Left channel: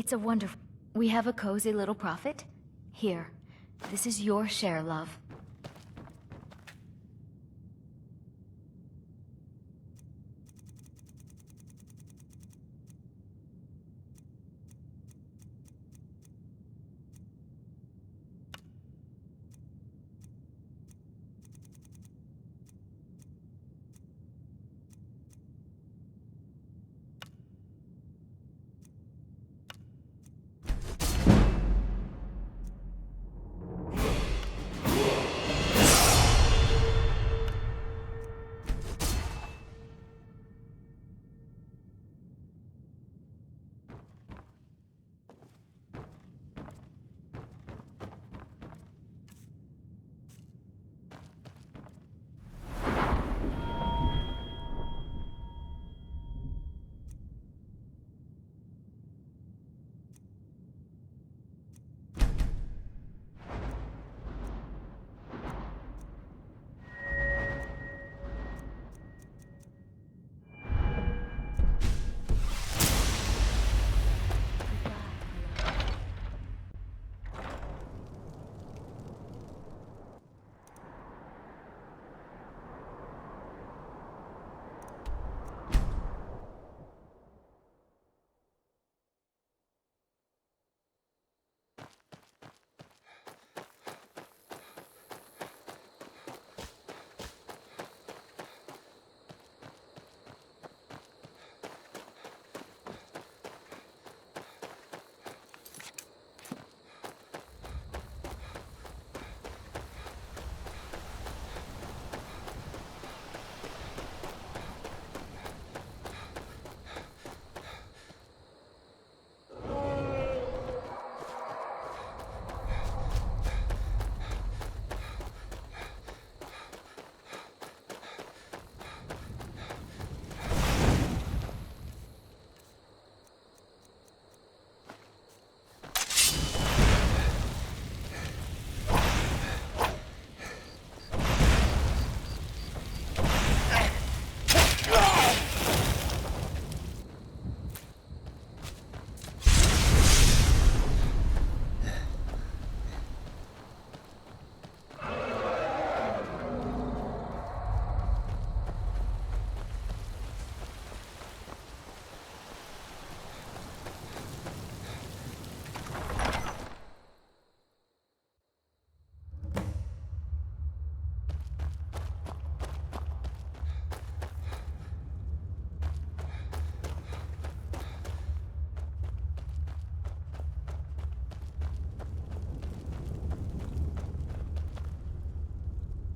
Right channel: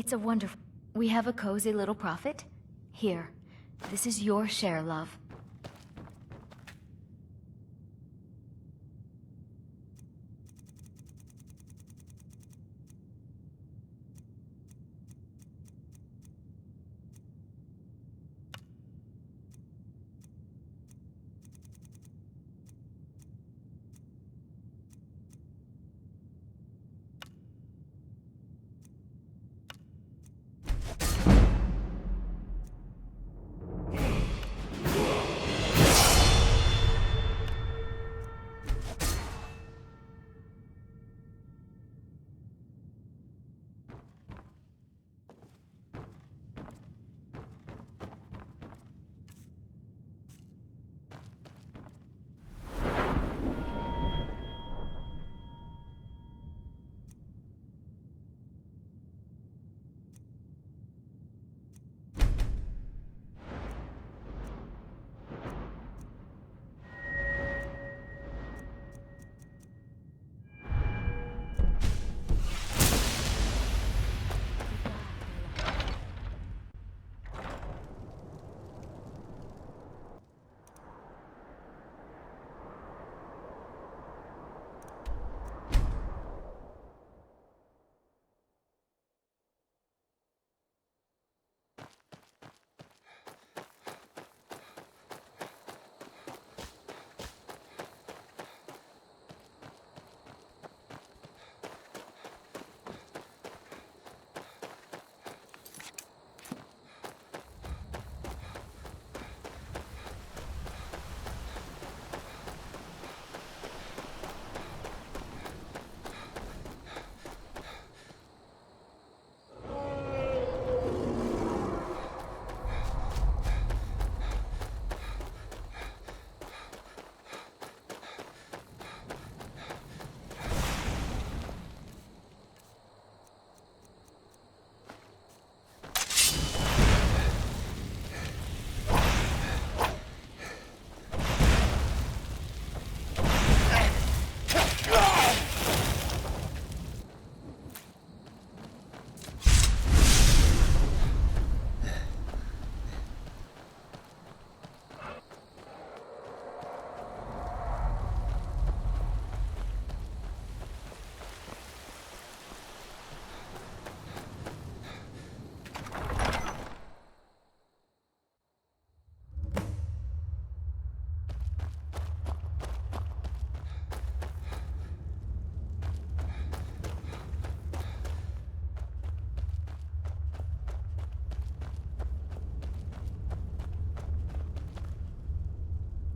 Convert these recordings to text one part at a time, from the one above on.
It's a wonderful... We have a cozy little profit. Here, this is your share, love.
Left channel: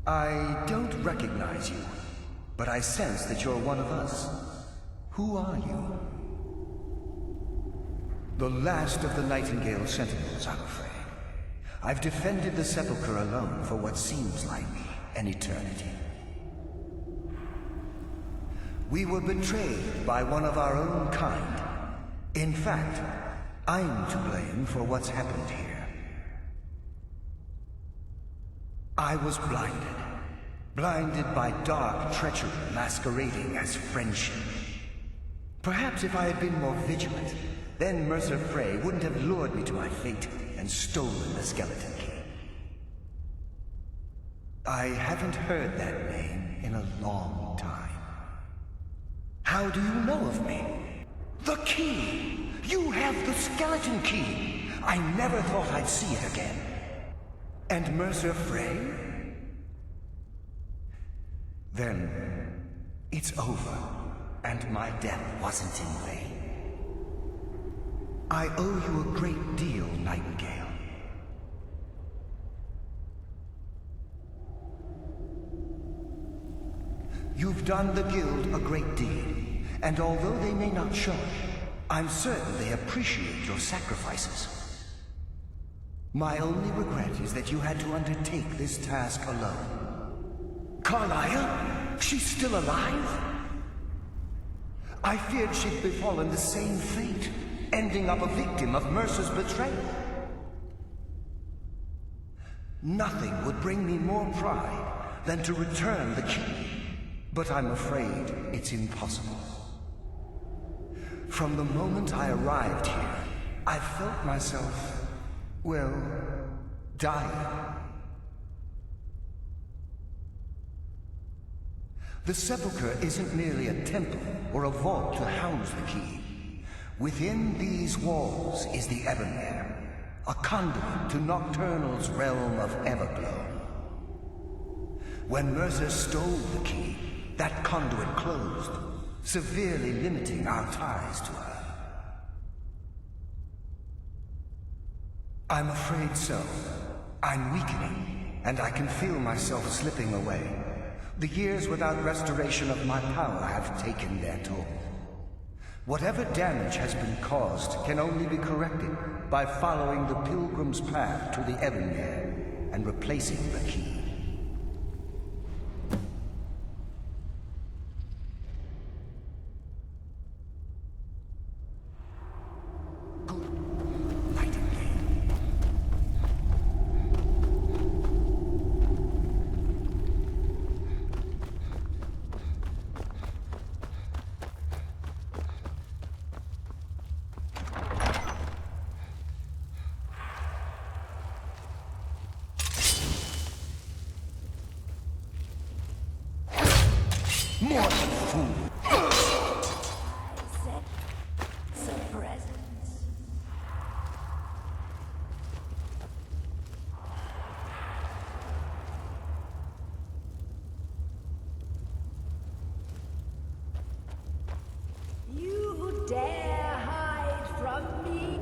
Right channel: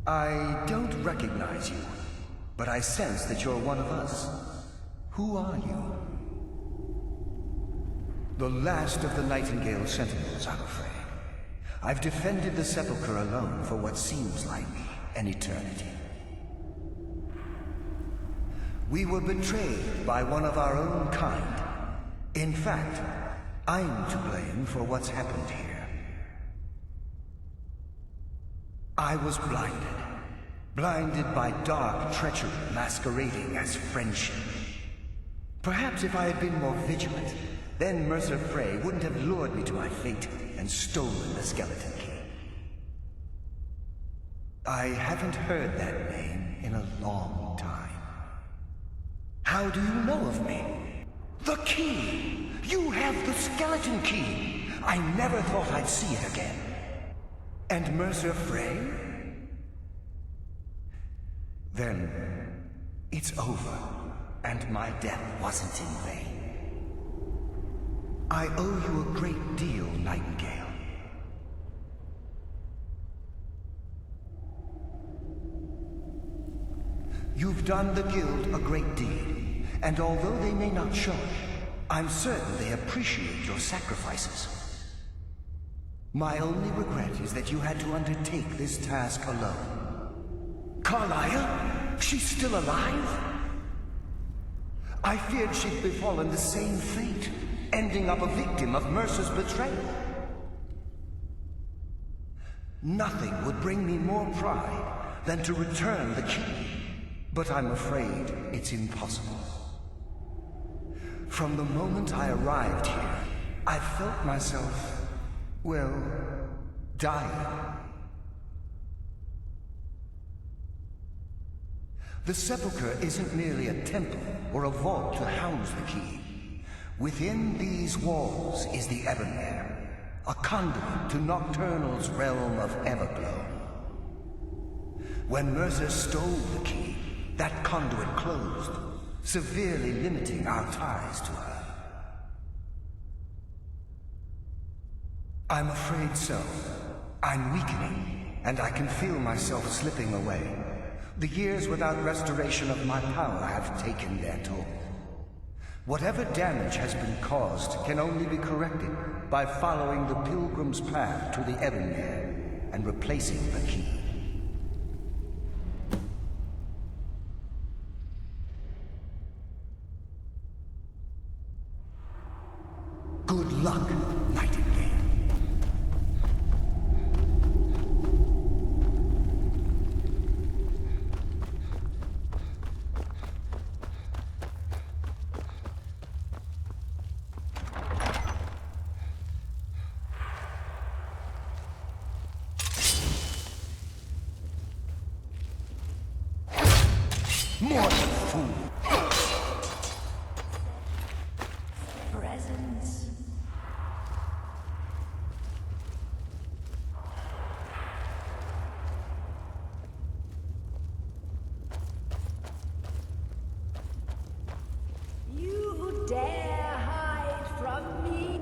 I don't recognize you, but I sense that you're one of us. Who are you? The last of the Nightingale Sentinels, I'm afraid. I've defended the Sepulchre alone for what seems like an eternity. We were betrayed by one of our own kind. In fact, I'm to blame for what's happened here. I was blinded by dark treachery masquerading as friendship. Perhaps if I had been more vigilant, then Mercer Frey wouldn't have lured me to my fate and stolen the skeleton key. I haven't heard that name in a long time. How do you know of me? The key! You have the skeleton key! I never thought I'd see it again. And Mercer Frey? Then it's over, and my death wasn't in vain. I owe you a great deal, Nightingale. You've done the Guild a great deed, and although they may not show it, I'm certain they appreciate your sacrifices. My only regret is that you had to undertake this task alone. Carlyle? She's still alive? I feared she'd befallen the same fate, ending up a victim of Mercer's betrayal. Nothing would bring me more pride than to return the key, but I'm afraid it's impossible. From the moment I arrived here, I felt myself, well, dying. The sepulchre isn't merely a temple or a vault to house the key. Within these walls is the Ebonmere, a conduit to Nocturnal's realm of Everglow. When Mercer stole the key, that conduit closed, severely limiting our ties to her. I'm afraid so. I'm weakening, and I can feel myself slipping away. The years without restoration of my power have taken their toll. Whatever damage has been caused can only be corrected by following the Pilgrim's path to the Ebonmere and replacing the key. Good luck, Nightingale. More than fool. Some presents. You dare hide from me?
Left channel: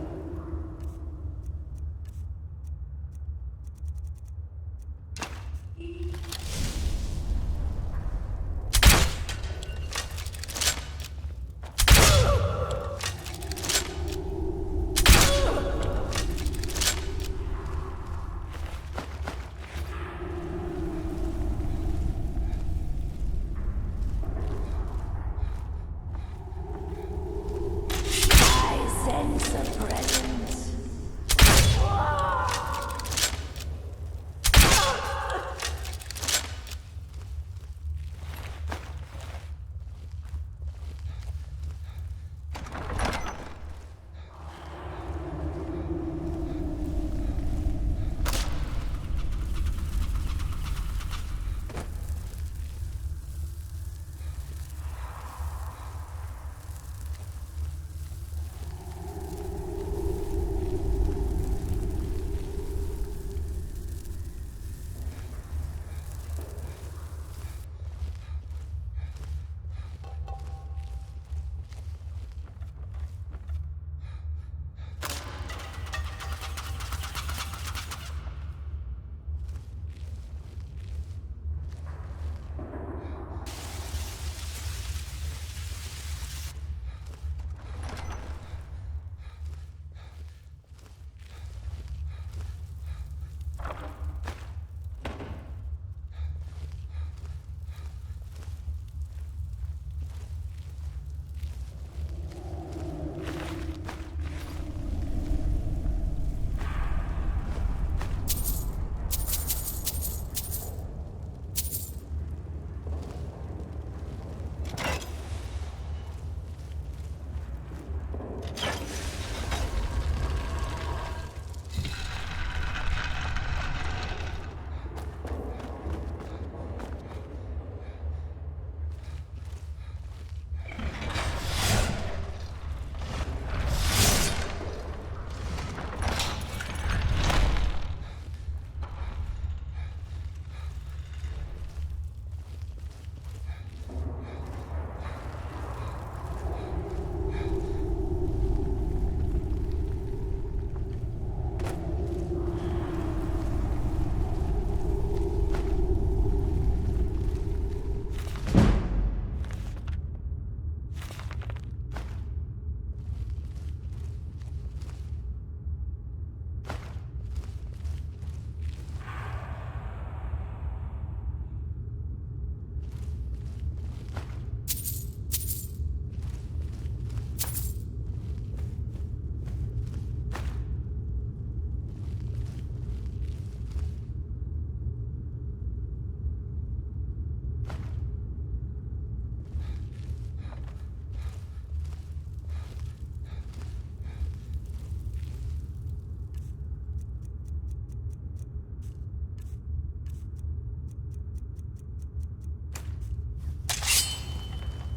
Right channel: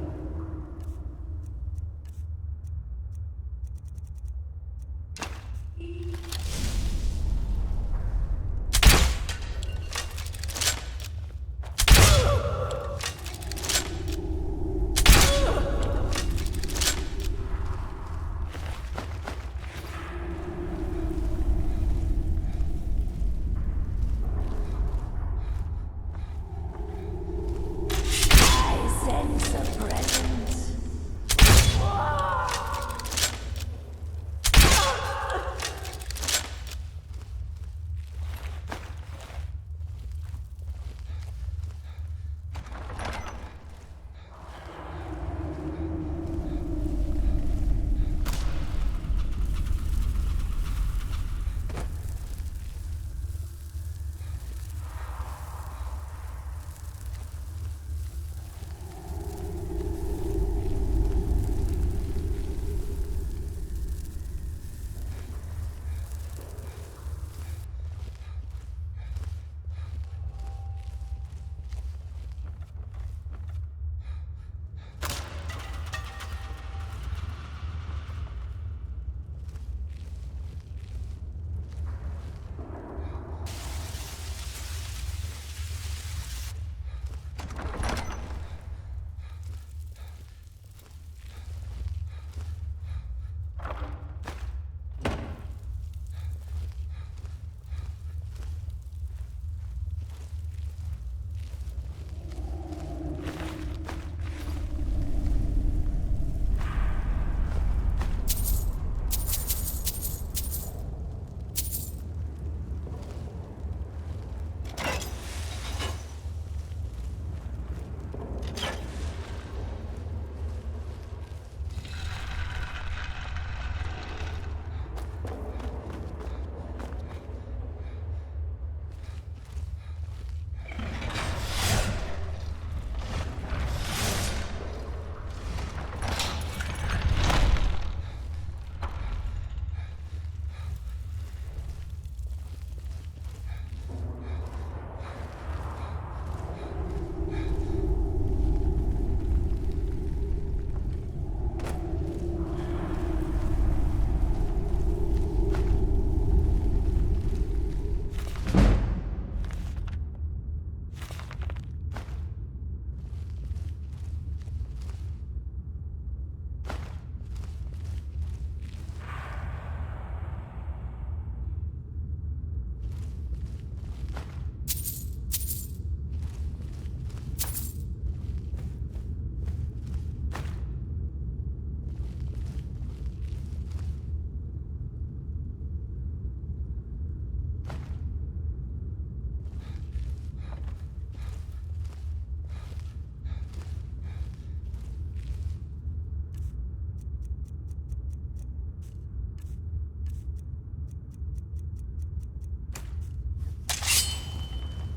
Sense a presence.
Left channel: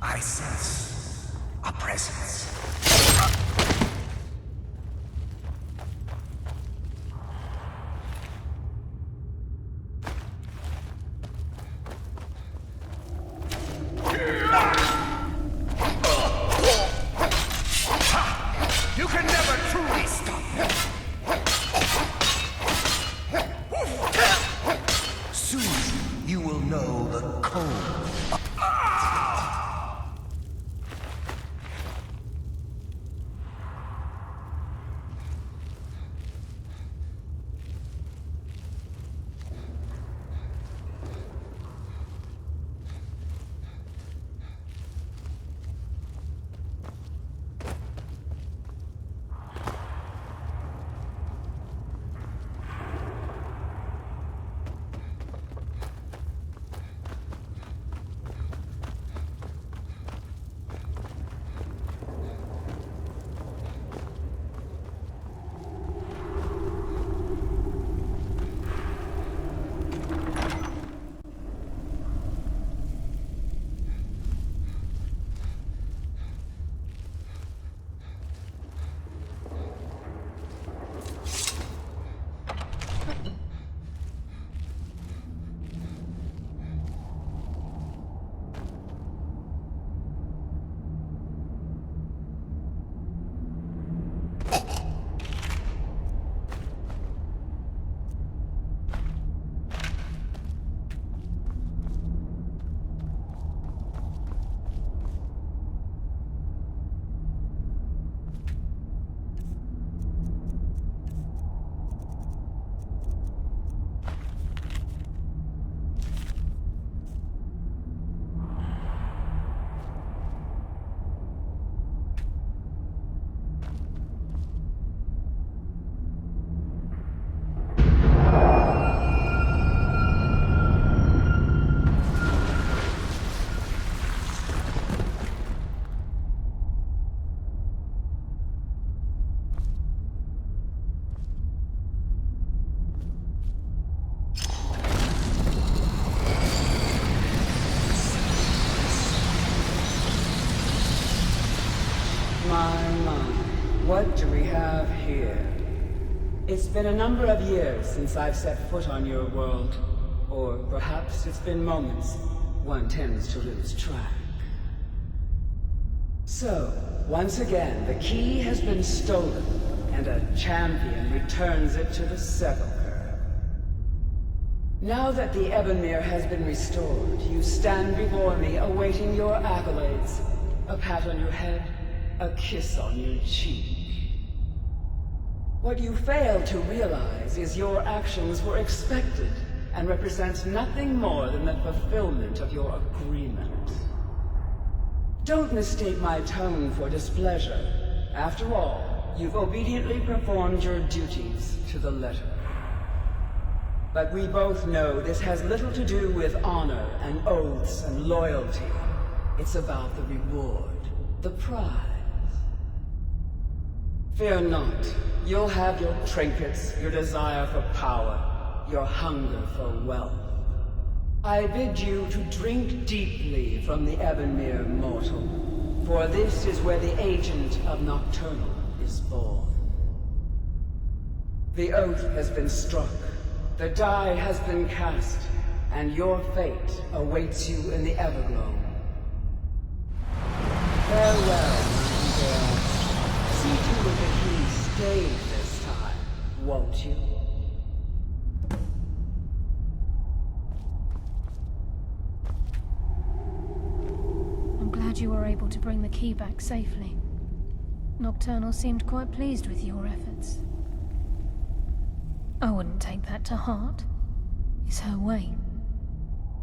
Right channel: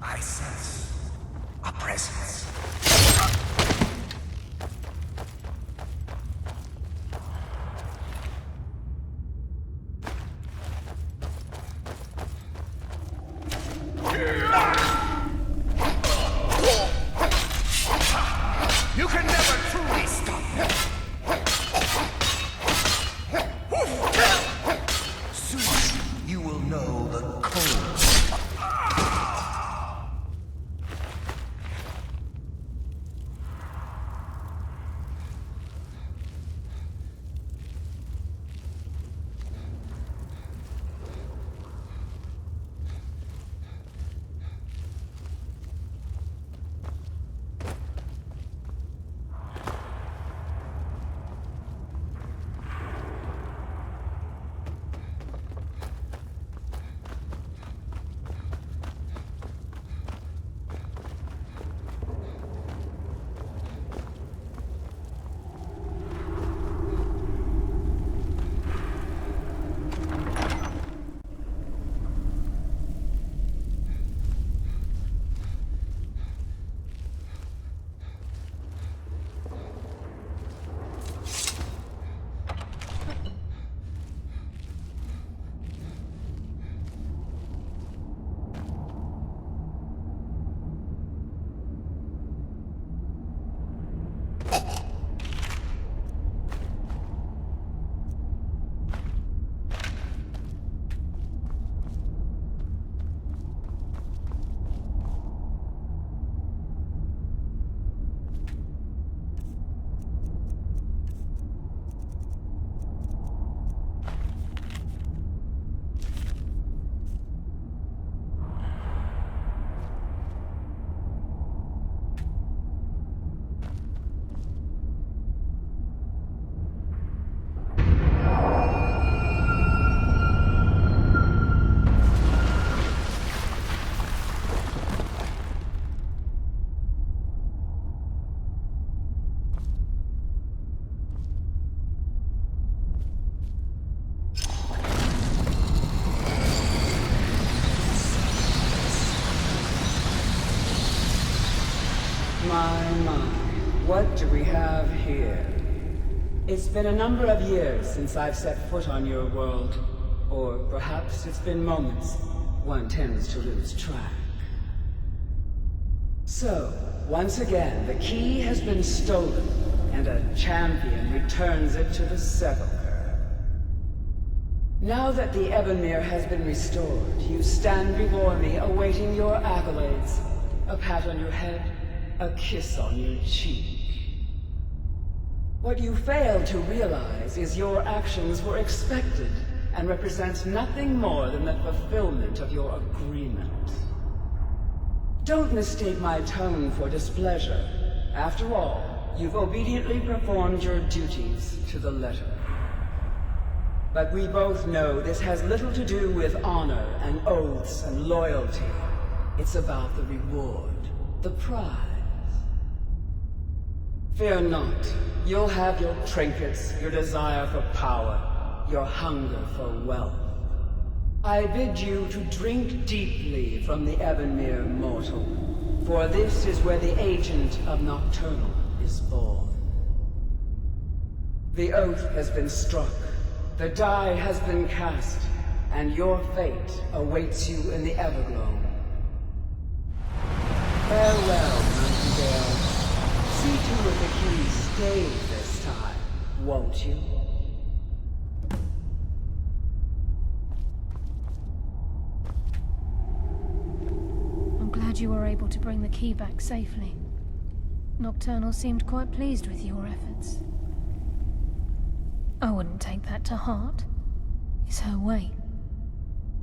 I sense a presence. You can never truly stop me. Soon you will know the cold. My, what do we have here? It's been a number of years since I've set foot on your world. Or perhaps it's been moments. One tends to lose track. So, once again, the key has been stolen, and a champion returns it to the sepulchre. Now that the Ebonmere has been restored, you stand before me awaiting your accolades. A pat on your head, a kiss on your cheek. What you fail to realize is your actions were expected and represent nothing more than the fulfillment of your agreement. Don't mistake my tone for displeasure. After all, you've obediently performed your duties to the letter. But we both know this has little to do with honor and oaths and loyalty. It's about the reward, the prize. Fear not. You'll have your trinkets, your desire for power, your hunger for wealth. I bid you to drink deeply from the Ebonmere mortal, for this is where the agent of Nocturnal is born. The oath has been struck, the die has been cast, and your fate awaits you in the Everglow. Farewell, Nightingale. See to it the key stays this time, won't you? I'm glad you were able to bring the key back safely. Nocturnal seemed quite pleased with your efforts. I wouldn't take that to heart. It's her way.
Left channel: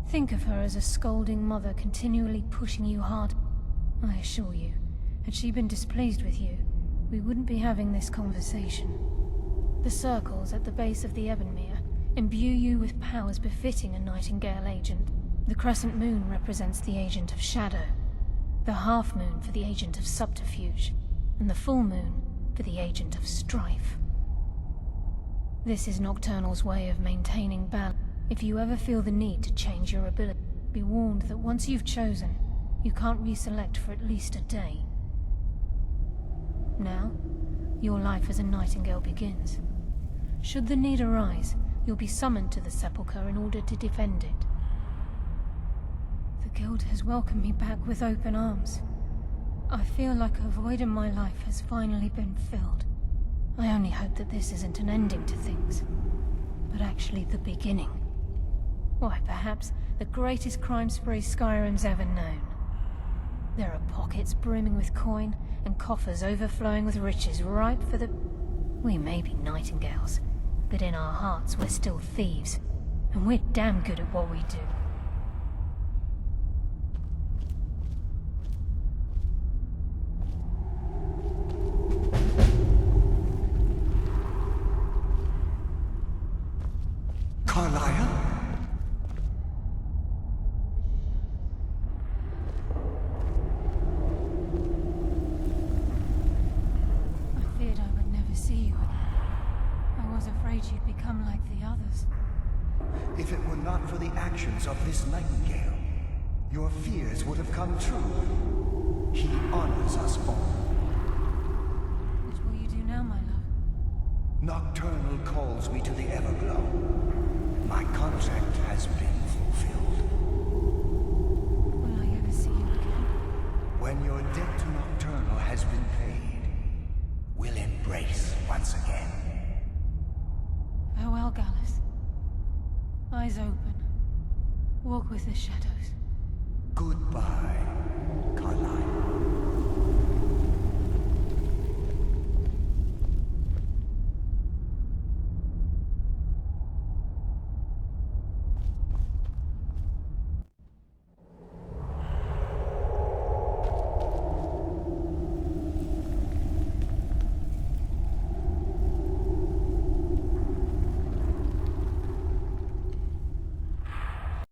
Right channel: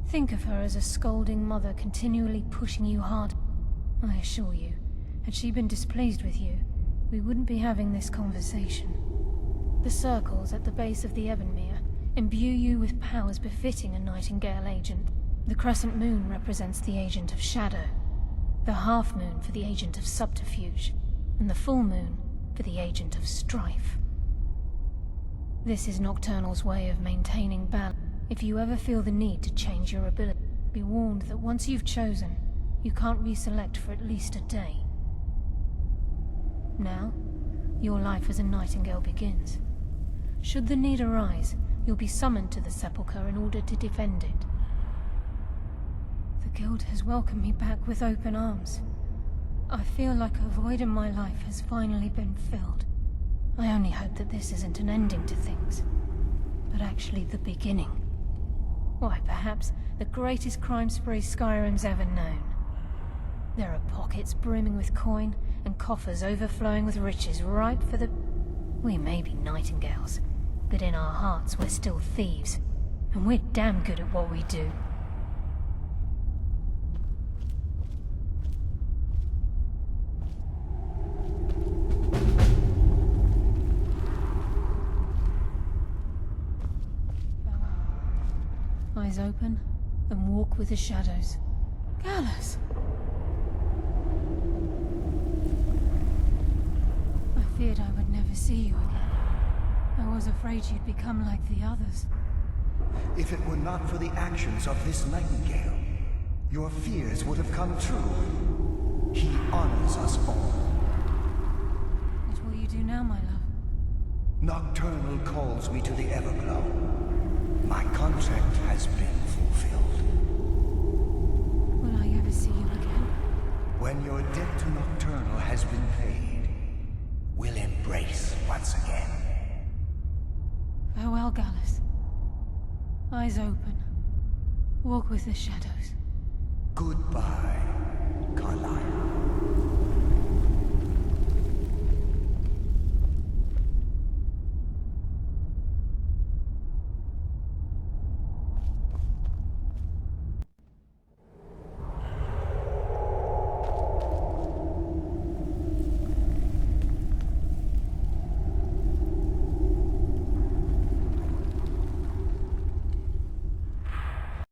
Think of her as a scolding mother continually pushing you hard. I assure you, had she been displeased with you, we wouldn't be having this conversation. The circles at the base of the Ebonmere imbue you with powers befitting a Nightingale agent. The crescent moon represents the agent of shadow, the half moon for the agent of subterfuge, and the full moon for the agent of strife. This is Nocturnal's way of maintaining balance. If you ever feel the need to change your ability, be warned that once you've chosen, You can't reselect for at least a day. Now, your life as a nightingale begins. Should the need arise, you'll be summoned to the Sepulchre in order to defend it. The Guild has welcomed me back with open arms. I feel like a void in my life has finally been filled. I only hope that this isn't an ending to things, but actually the beginning. Why, perhaps the greatest crime spree Skyrim's ever known. There are pockets brimming with coin, and coffers overflowing with riches ripe for the... We may be nightingales, but in our hearts we're still thieves, and we're damn good at what we do. Carlisle? Eyes open, and walk with the shadows. Gallus! I feared I would never see you again. I was afraid you'd become like the others. If it were not for the actions of this nightingale, your fears would have come true. He honors us all. What will you do now, my love? Nocturnal calls me to the Everglow. My contract has been fulfilled. Will I ever see you again? When your debt to Nocturnal has been paid, we'll embrace once again. Farewell, Gallus. Eyes open. Walk with the shadows. Goodbye, Carlisle.